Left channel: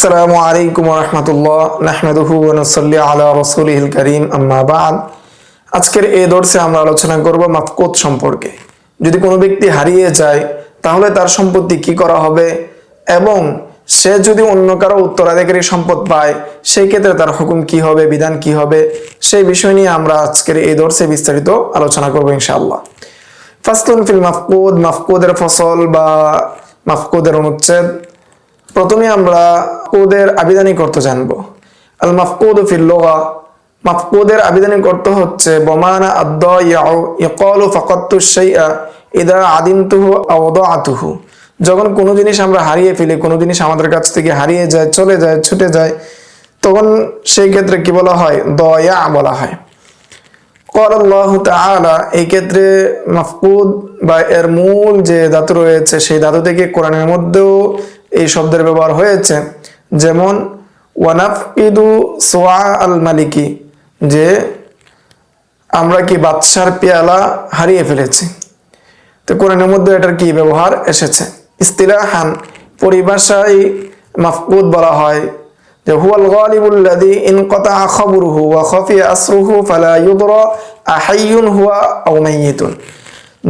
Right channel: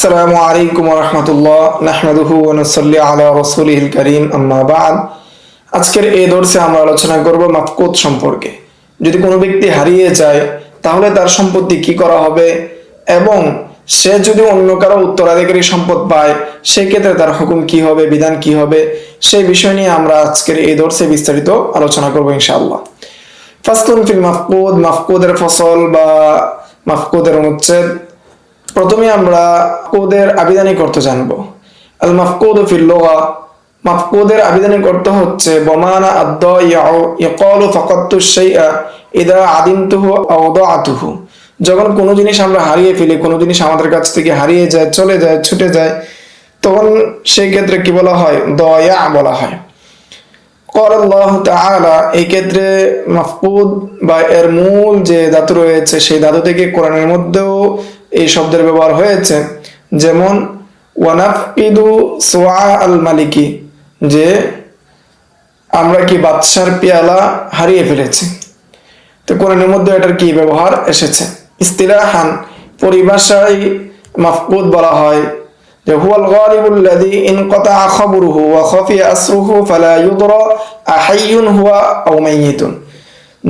আসসালামু আলাইকুম ওয়া রাহমাতুল্লাহ নাহমাদুহু ওয়া নুসাল্লি আলা রাসূলিহিল কারীম আম্মা বা'দ। আজকের এই দর্সে আমরা আলোচনা করব মাফকুদ সম্পর্কে। যদি কোনো ব্যক্তি হারিয়ে যায় তাহলে তার সম্পত্তি কি করা হবে এবং সে যদি অন্য কারো উত্তরাধিকারী সম্পদ পায় সেই ক্ষেত্রে তার হুকুম কি হবে, বিধান কি হবে, সেই বিষয় নিয়ে আমরা আজকের এই দর্সে বিস্তারিত আলোচনা করব ইনশাআল্লাহ। ফাসলুন ফিল মাফকুদ, মাফকুদের ফসল বা মাফকুদের অনুচ্ছেদ। প্রথমে আমরা মাফকুদের আবিধানিক অর্থ জানবো। আল মাফকুদু ফিল লুগা, মাফকুদের আবিধানিক অর্থ হচ্ছে বমানা আদ-দাইউ ইয়াকালু ফাকাদতু শাইআ ইযা আদিমতুহু আও দাআতুহু। যখন কোনো জিনিস আমরা হারিয়ে ফেলি, কোনো জিনিস আমাদের কাছ থেকে হারিয়ে যায়, চলে যায়, ছুটে যায়, তখন সেই ক্ষেত্রে কি বলা হয়? দায়া বলা হয়। ক্বালা আল্লাহু তাআলা, এই ক্ষেত্রে মাফকুদ বা এর মূল যে ধাতু রয়েছে সেই ধাতু থেকে কোরআনের মধ্যেও এই শব্দের ব্যবহার হয়েছে। যেমন ওয়ানাফকিদু সোয়া আল মালিকি, যে আমরা কি বাদশার পেয়ালা হারিয়ে ফেলেছি। তো কোরআনের মধ্যে এটার কি ব্যবহার এসেছে। ইস্তিলাহান, পরিভাষায় মাফকুদ বলা হয় যে হুয়াল গালিবুল লাযী ইনকাতা খাবরুহু ওয়া খাফিয়া আসরুহু ফালা ইউদরা আহাইয়ুন হুয়া আও মাইয়িতুন।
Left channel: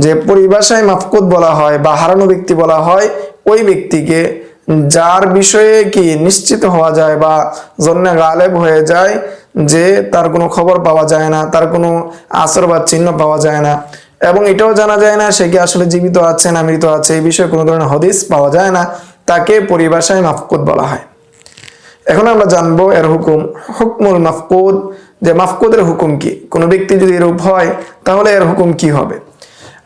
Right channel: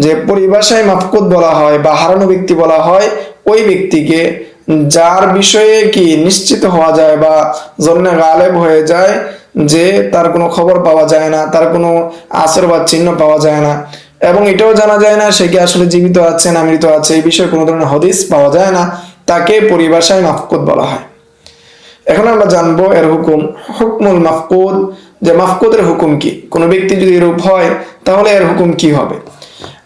যে পরিভাষায় মাফকুদ বলা হয় বা হারানো ব্যক্তি বলা হয় ওই ব্যক্তিকে যার বিষয়ে কি নিশ্চিত হওয়া যায় বা জন্যে গালেব হয়ে যায়, যে তার কোনো খবর পাওয়া যায় না, তার কোনো আসর বা চিহ্ন পাওয়া যায় না, এবং এটাও জানা যায় না সে কি আসলে জীবিত আছে না মৃত আছে, এই বিষয়ে কোনো ধরনের হদিস পাওয়া যায় না, তাকে পরিভাষায় মাফকুদ বলা হয়। এখন আমরা জানবো এর হুকুম। হুকমুল মাফকুদ, যে মাফকুদের হুকুম কি। কোনো ব্যক্তি যদি এরূপ হয় তাহলে এর হুকুম কি হবে।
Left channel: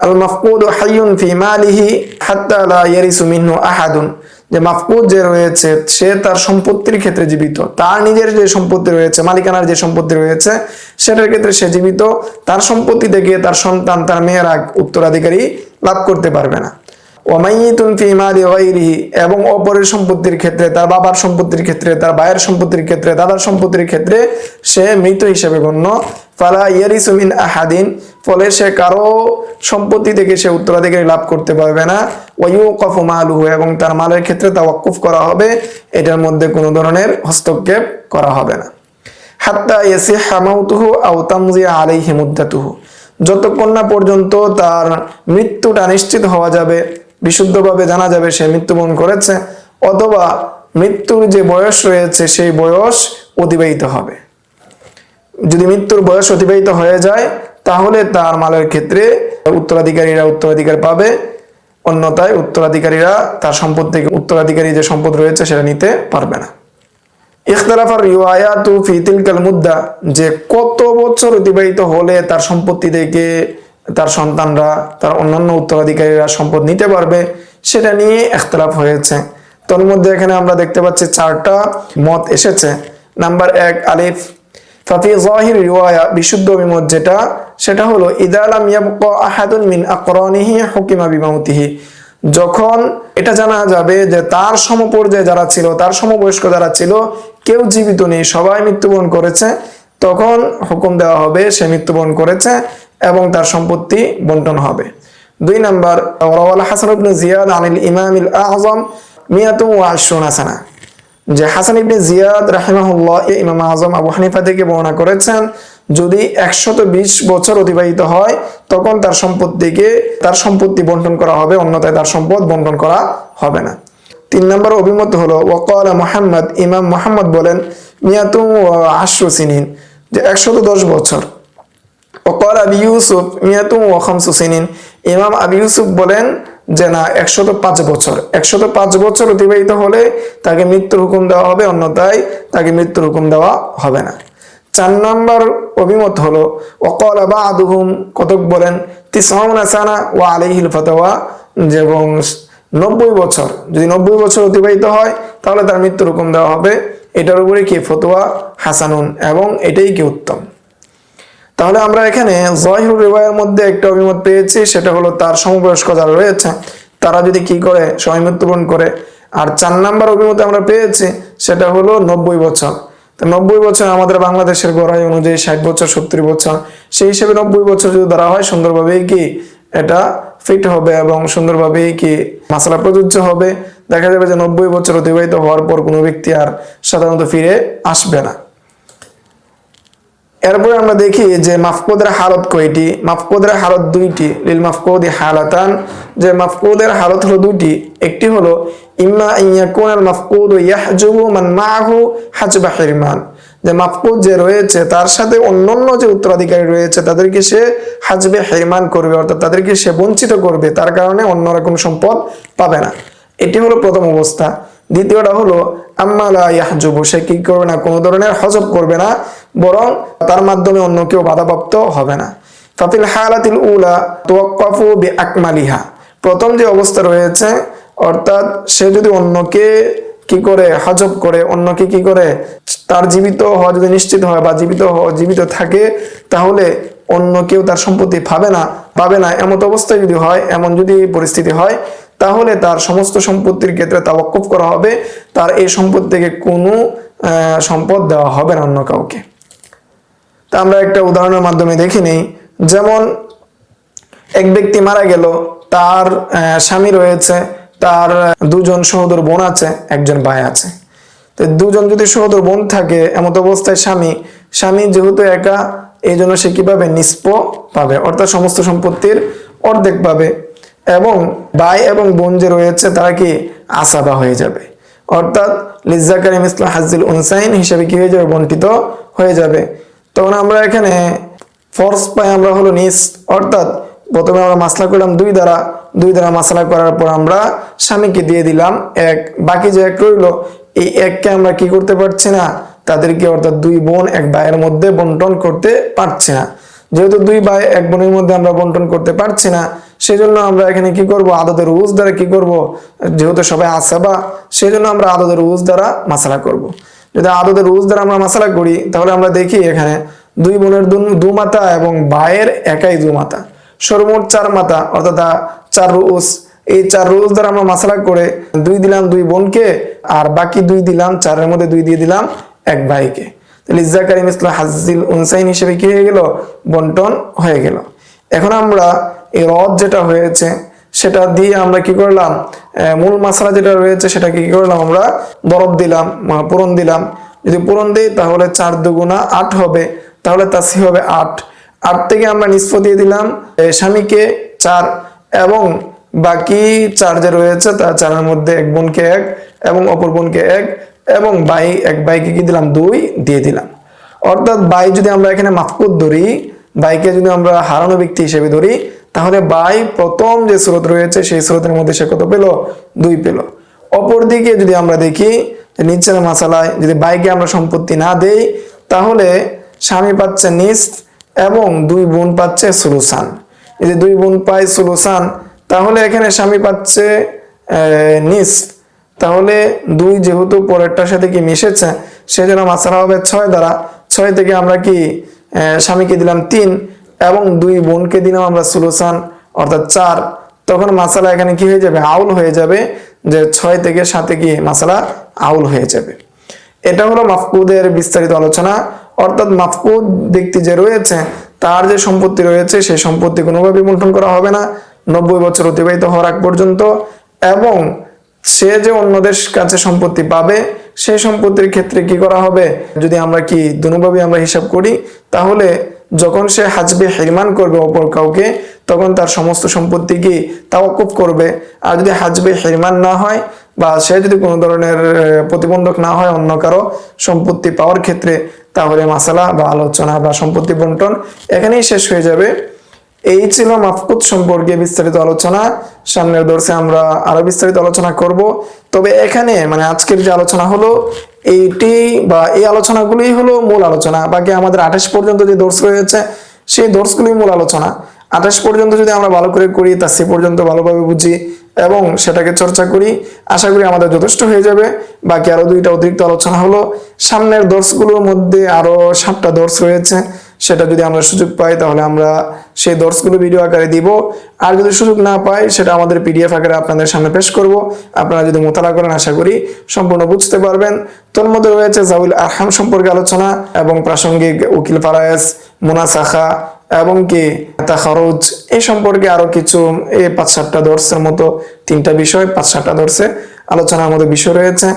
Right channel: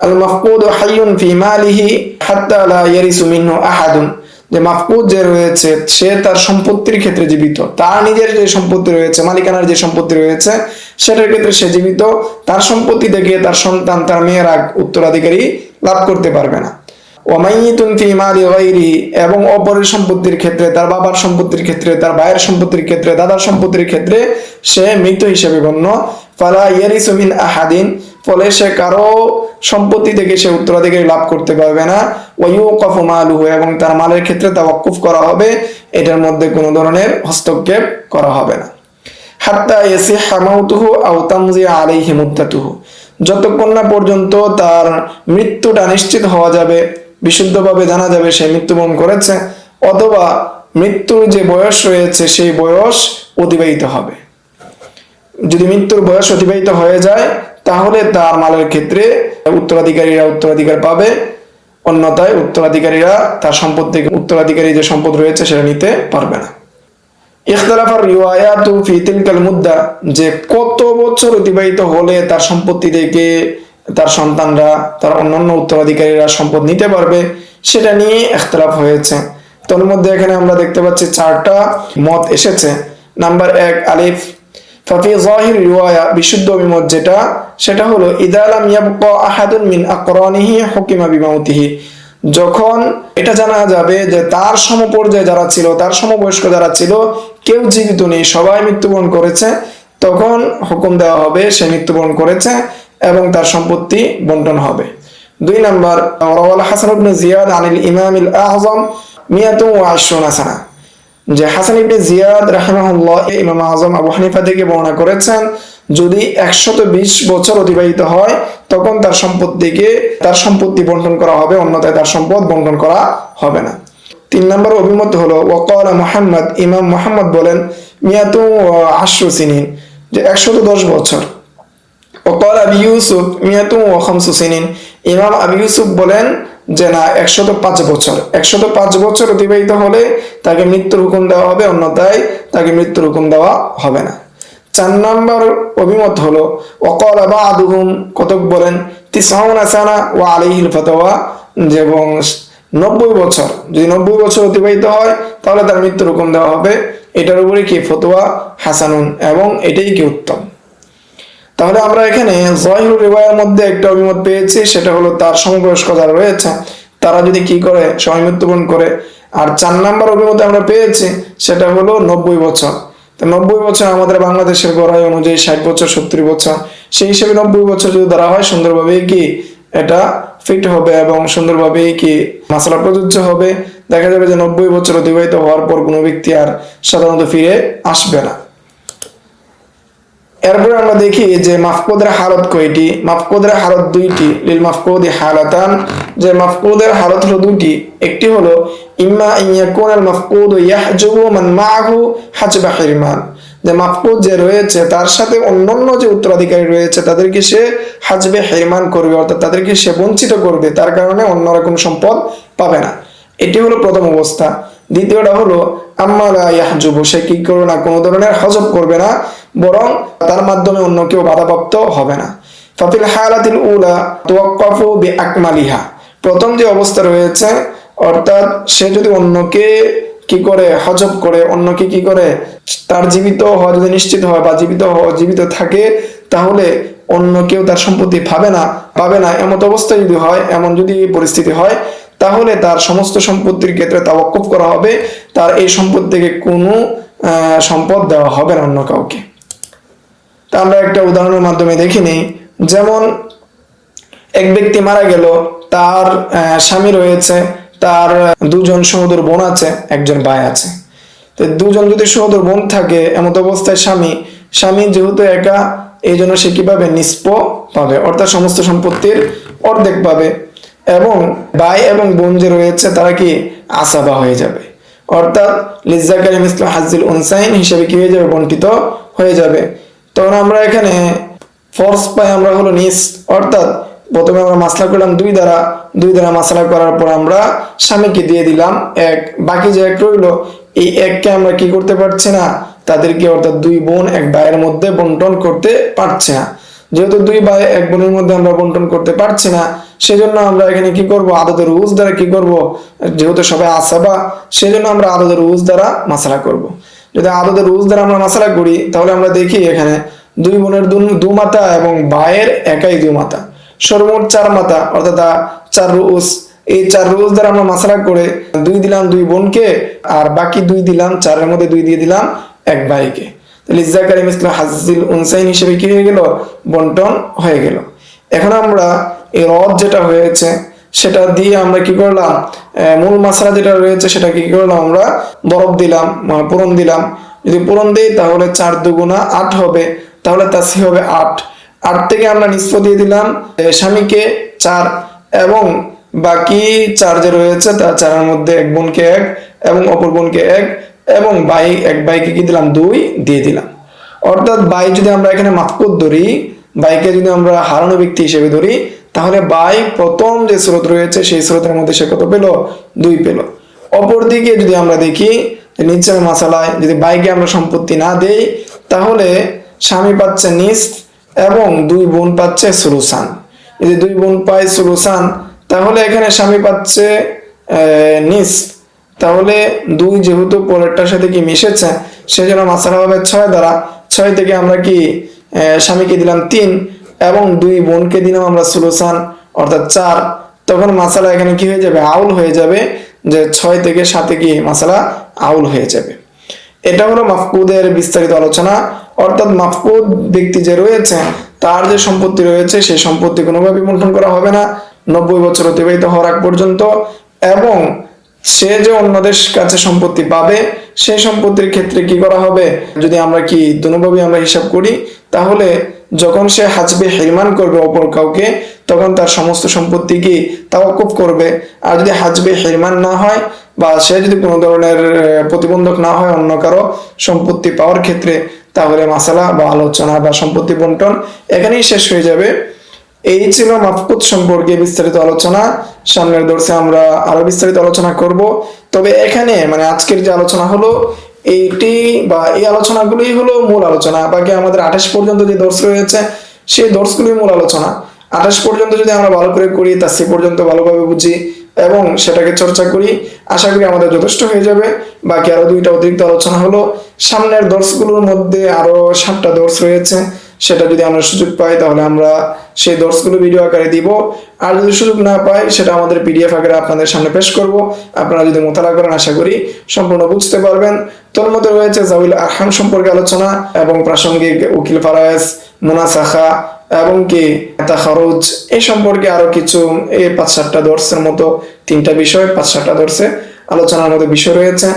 আল মাফকুদু হাইয়ুন ফি মালিহি হাত্তা লা ইয়ারিসু মিনহু আহাদুন, যে মাফকুদ যে রয়েছে সে তার সম্পত্তির ক্ষেত্রে জীবিত, তার নিজের যে সম্পত্তি রয়েছে, মালিকানার যে সম্পত্তি রয়েছে সেটার ক্ষেত্রে সে জীবিত, তার সম্পত্তি থেকে তার সন্তান, তার মেয়েরা উত্তরাধিকারী লাভ করতে পারবে না। ওয়ামাইয়িতুন ফি মালি গায়রিহি, এবং অপরের সম্পত্তির ক্ষেত্রে, তার বাবার সম্পত্তির ক্ষেত্রে, তার ভাইয়ের সম্পত্তির ক্ষেত্রে, দাদার সম্পত্তির ক্ষেত্রে সে মৃত হিসেবে গণ্য। ফালা ইয়ারিসু মিন আহাদিন, ফলে সে কারো সম্পত্তি থেকে সে উত্তরাধিকারী লাভ করতে পারবে না। ওয়ায়ুকাফু মালুহু, এবং তার মালের ক্ষেত্রে তাওয়াক্কুফ করা হবে, এটার মধ্যে কোনো ধরনের হস্তক্ষেপ করা হবে না। হাত্তা ইয়াসিহা মাউতুহু আও তামজি আলাইহি মুদ্দাতুহু, যতক্ষণ না পর্যন্ত তার মৃত্যুটা নিশ্চিত হওয়া যাবে, বিশুদ্ধভাবে জানা যাবে সে মৃত্যুবরণ করেছে, অথবা মৃত্যুর যে বয়স রয়েছে সেই বয়স অতিবাহিত হবে। যদি মৃত্যুর বয়স অতিবাহিত হয়ে যায় তাহলে তার মালের ক্ষেত্রে উত্তরাধিকারীরা উত্তরাধিকার পাবে, অন্যথায় উত্তরাধিকারীরা তার সম্পদ থেকে উত্তরাধিকারী যে সম্পদ রয়েছে সেটা নিতে পারবে না। ইখতিলাফার রিওয়ায়াতু ফি তিলকাল মুদ্দা, যে কত বছর অতিবাহিত হলে তার সম্পত্তি থেকে তার সন্তানরা, তার অন্যান্য উত্তরাধিকারীরা সম্পদ নিতে পারবে, সেটা নিয়ে ইখতিলাফ হয়েছে। তার মধ্যে এখানে আমরা দেখতে পাচ্ছি 4টা মত এসেছে। নাম্বার 1, আলিফ ফাফি যাহির রিওয়ায়া, বিশুদ্ধ অভিমত যেটা, সেটা হলো ইযা লাম ইয়াবকা আহাদুন মিন আকরানিহি হুকিমা বিমাউতিহি, যখন এটা জানা যাবে যে তার সমপর্যায়ে যারা ছিল, তার সমবয়স্ক যারা ছিল, কেউ জীবিত নেই, সবাই মৃত্যুবরণ করেছে, তখন হুকুম দেওয়া হবে সে মৃত্যুবরণ করেছে এবং তার সম্পত্তি বন্টন হবে। 2 নাম্বার, রাওয়াল হাসান ইবনে জিয়াদ আনিল ইমামিল আযম 120 সানা, যে হাসান ইবনে জিয়াদ রাহিমাহুল্লাহ ইমাম আযম আবু হানিফা থেকে বর্ণনা করেছেন, যদি 120 বছর অতিবাহিত হয় তখন তার সম্পত্তি বন্টন করা হবে, অন্যথায় তার সম্পদ বন্টন করা হবে না। 3 নম্বর অভিমত হলো ওয়াকালা মুহাম্মদ, ইমাম মুহাম্মদ বলেন 110 সিনিন, যে 110 বছর। ওয়াকালা আবু ইউসুফ 105 সিনিন, ইমাম আবু ইউসুফ বলেন যে না, 105 বছর। 105 বছর অতিবাহিত হলে তাকে মৃত্যুর হুকুম দেওয়া হবে, অন্যথায় তাকে মৃত্যুর হুকুম দেওয়া হবে না। 4 নম্বর অভিমত হলো ওয়াকালা বা'দুহুম, কতক বলেন 90 সানা ওয়া আলাইহিল ফাতওয়া, এবং 90 বছর, যদি 90 বছর অতিবাহিত হয় তাহলে তার মৃত্যুর হুকুম দেওয়া হবে। এটার উপরে কি ফতোয়া হাসানুন, এবং এটাই কি উত্তম। তাহলে আমরা এখানে যাহিরুর রিওয়ায়ার মধ্যে একটা অভিমত পেয়েছি, সেটা হলো তার সমবয়স্ক যারা রয়েছে তারা যদি কি করে, সবাই মৃত্যুবরণ করে। আর 4 নম্বর অভিমত আমরা পেয়েছি সেটা হলো 90 বছর। তো 90 বছর আমাদের বাংলাদেশের গড়াই অনুযায়ী 60 বছর 70 বছর, সেই হিসেবে 90 বছর যদি ধরা হয় সুন্দরভাবেই কি এটা ফিট হবে এবং সুন্দরভাবেই কি মাসালা প্রযোজ্য হবে। দেখা যাবে যে 90 বছর অতিবাহিত হওয়ার পর কোনো ব্যক্তি আর সাধারণত ফিরে আসবে না। এরপরে আমরা দেখি যে মাফকুদের হালত কয়টি। মাফকুদের হালত দুইটি, লিল মাফকুদি হালাতান, যে মাফকুদের হালত হলো দুইটি। একটি হলো ইম্মা ইয়াকুনাল মাফকুদু ইয়াহজুবু মান মাআহু হাজবা হিরমান, যে মাফকুদ যে রয়েছে তার সাথে অন্যান্য যে উত্তরাধিকারী রয়েছে তাদেরকে সে হাজবে হিরমান করবে, অর্থাৎ তাদেরকে সে বঞ্চিত করবে, তার কারণে অন্যরকম সম্পদ পাবে না। এটি হলো প্রথম অবস্থা। দ্বিতীয়টা হলো আম্মা লা ইয়াহজুবু, সে কি করবে না, কোনো ধরনের হজব করবে না, বরং তার মাধ্যমে অন্য কেউ বাধাপ্রাপ্ত হবে না। ফাফিল হালাতিল উলা তুওয়াক্কাফু বিআকমালিহা, প্রথম যে অবস্থা রয়েছে, অর্থাৎ সে যদি অন্যকে কি করে হজব করে, অন্যকে কি করে তার জীবিত হওয়া যদি নিশ্চিত হয় বা জীবিত থাকে, তাহলে অন্য কেউ তার সম্পত্তি পাবে না এমন অবস্থা যদি হয়, এমন যদি পরিস্থিতি হয়, তাহলে তার সমস্ত সম্পত্তির ক্ষেত্রে তাওয়াক্কুফ করা হবে, তার এই সম্পত্তি থেকে কোনো সম্পদ দেওয়া হবে না অন্য কাউকে। তা আমরা একটা উদাহরণের মাধ্যমে দেখি নেই। যেমন এক ব্যক্তি মারা গেল, তার স্বামী রয়েছে, তার দুজন সহোদর বোন আছে, একজন ভাই আছে। তো দুজন যদি সহোদর বোন থাকে, এমত অবস্থায় স্বামী যেহেতু একা, এই জন্য সে কিভাবে নিষ্প পাবে, অর্থাৎ সমস্ত সম্পত্তির অর্ধেক পাবে, এবং ভাই এবং বোন যে রয়েছে তারা কি আসাবা হয়ে যাবে, অর্থাৎ লিজ্জাকারি মিসলু হাজ্জিল উনসাইন হিসেবে কি হয়ে যাবে, বন্টিত হয়ে যাবে। তখন আমরা এখানে ফোর্স পাই আমরা হলো নিস, অর্থাৎ প্রথমে আমরা মাসলা করলাম দুই দ্বারা মাসলা করার পর আমরা স্বামীকে দিয়ে দিলাম এক, বাকি যে এক রইল, এই এককে আমরা কি করতে পারছি না, তাদেরকে অর্থাৎ দুই বোন এক ভাইয়ের মধ্যে বন্টন করতে পারছি না। যেহেতু দুই ভাই এক বোনের মধ্যে আমরা বন্টন করতে পারছি না, সেজন্য আমরা এখানে কি করব, আদদের রুজ দ্বারা কি করব, যেহেতু সবাই আসাবা, সেজন্য আমরা আদদের রুজ দ্বারা মাসলা করব। যদি আদদের রুজ দ্বারা আমরা মাসলা করি, তাহলে আমরা দেখি এখানে দুই বোনের দু মাতা এবং ভাইয়ের একাই দু মাতা, সর্বমোট 4 মাতা, অর্থাৎ 4 রুজ। এই 4 রুজ দ্বারা আমরা মাসলা করে 2 দিলাম দুই বোনকে, আর বাকি 2 দিলাম, 4-এর মধ্যে 2 দিয়ে দিলাম এক ভাইকে। তাহলে ইজ্জাকারি মিসলু হাজ্জিল উনসাইন হিসেবে কি হয়ে গেল, বন্টন হয়ে গেল। এখন আমরা এই রদ যেটা হয়েছে সেটা দিয়ে আমরা কি করলাম, মূল মাসলা যেটা রয়েছে সেটা কি করলাম, আমরা দরব দিলাম, পূরণ দিলাম। যদি পূরণ দিই তাহলে 4 দুগুণা 8 হবে, তাহলে তাসি হবে 8। 8 থেকে আমরা নিষ্প দিয়ে দিলাম স্বামীকে 4, এবং বাকি 4 যে রয়েছে তার 4-এর মধ্যে এক বোনকে 1 এবং অপর বোনকে 1, এবং এক ভাইকে কি দিলাম 2 দিয়ে দিলাম। অর্থাৎ ভাই যদি আমরা এখানে মাফকুদ ধরি, ভাইকে যদি আমরা হারানো ব্যক্তি হিসেবে ধরি, তাহলে ভাই প্রথম যে স্রোত রয়েছে সেই স্রোতের মধ্যে সে কত পেল, 2 পেল। অপরদিকে যদি আমরা দেখি নিচের মাসালায়, যদি ভাইকে আমরা সম্পত্তি না দেই, তাহলে স্বামী পাচ্ছে নিসফ এবং 2 বোন পাচ্ছে সুলুসান। যদি 2 বোন পায় সুলুসান, তাহলে এখানে স্বামী পাচ্ছে নিসফ, তাহলে 2 যেহেতু পরেরটার সাথে কি মিশেছে, সেজন্য মাসলা হবে 6 দ্বারা। 6 থেকে আমরা কি স্বামীকে দিলাম 3 এবং 2 বোনকে দিলাম আমরা সুলুসান, অর্থাৎ 4। তখন মাসালা এখানে কি হয়ে যাবে, আউল হয়ে যাবে, যে 6 থেকে 7-এ কি মাসালা আউল হয়ে যাবে। এটা হলো মাফকুদের বিস্তারিত আলোচনা। অর্থাৎ মাফকুদ ব্যক্তি যে রয়েছে, তার যে সম্পত্তি রয়েছে সেই সম্পত্তি কোনোভাবে বন্টন করা হবে না 90 বছর অতিবাহিত হওয়ার আগ পর্যন্ত, এবং সে যে অন্যদের কাছে সম্পত্তি পাবে সেই সম্পত্তির ক্ষেত্রে কি করা হবে, যদি আমরা কি দুভাবে আমরা হিসাব করি, তাহলে যখন সে হাজবে হিরমান করবে অপর কাউকে, তখন তার সমস্ত সম্পত্তি কি তাওয়াক্কুফ করবে। আর যদি হাজবে হিরমান না হয়, বা সে যদি কোনো ধরনের প্রতিবন্ধক না হয় অন্য কারো সম্পত্তি পাওয়ার ক্ষেত্রে, তাহলে মাসালা বা আলোচনা বা সম্পত্তি বন্টন এখানেই শেষ হয়ে যাবে। এই ছিল মাফকুদ সম্পর্কে বিস্তারিত আলোচনা। সামনের দর্শে আমরা আরো বিস্তারিত আলোচনা করব। তবে এখানে আজকের যে আলোচনা হলো এইটি বা এই আলোচনাগুলোই হলো মূল আলোচনা। বাকি আমাদের 28 পর্যন্ত যে দর্শ রয়েছে সেই দর্শগুলোই মূল আলোচনা। 28 পর্যন্ত যদি আমরা ভালো করে করি, তা সে পর্যন্ত ভালোভাবে বুঝি এবং সেটাকে চর্চা করি, আশা করি আমাদের যথেষ্ট হয়ে যাবে। বাকি আরো 2টা অতিরিক্ত আলোচনা হলো সামনের দর্শগুলোর মধ্যে, আরো 7টা দর্শ রয়েছে। সেটা যদি আমরা সুযোগ পাই তাহলে আমরা সেই দর্শগুলো ভিডিও আকারে দিব, আর যদি সুযোগ না পাই সেটা আমাদের পিডিএফ আকারে আপনাদের সামনে পেশ করব। আপনারা যদি মোতালা করেন আশা করি সম্পূর্ণ বুঝতে পারবেন। তোর মধ্যে রয়েছে জাউল আরহাম সম্পর্কে আলোচনা এবং প্রাসঙ্গিক উকিল ফারায়েজ, মুনাসাখা এবং কি তাখারুজ, এই সম্পর্কে আরো কিছু এই 5-7টা দর্শের মতো 3টা বিষয় 5-7টা দর্শে আলোচনার মধ্যে বিষয় রয়েছে,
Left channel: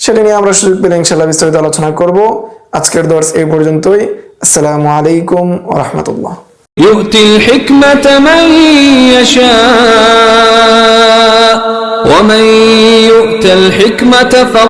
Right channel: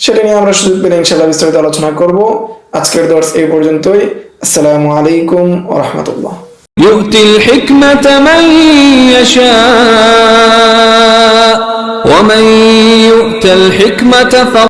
সেটা নিয়ে আমরা সুযোগ পেলে ইনশাআল্লাহ বিস্তারিত আলোচনা করব। আজকের দর্স এই পর্যন্তই। আসসালামু আলাইকুম ওয়া রাহমাতুল্লাহ। يؤتي الحكمة من يشاء ومن يؤت الحكمة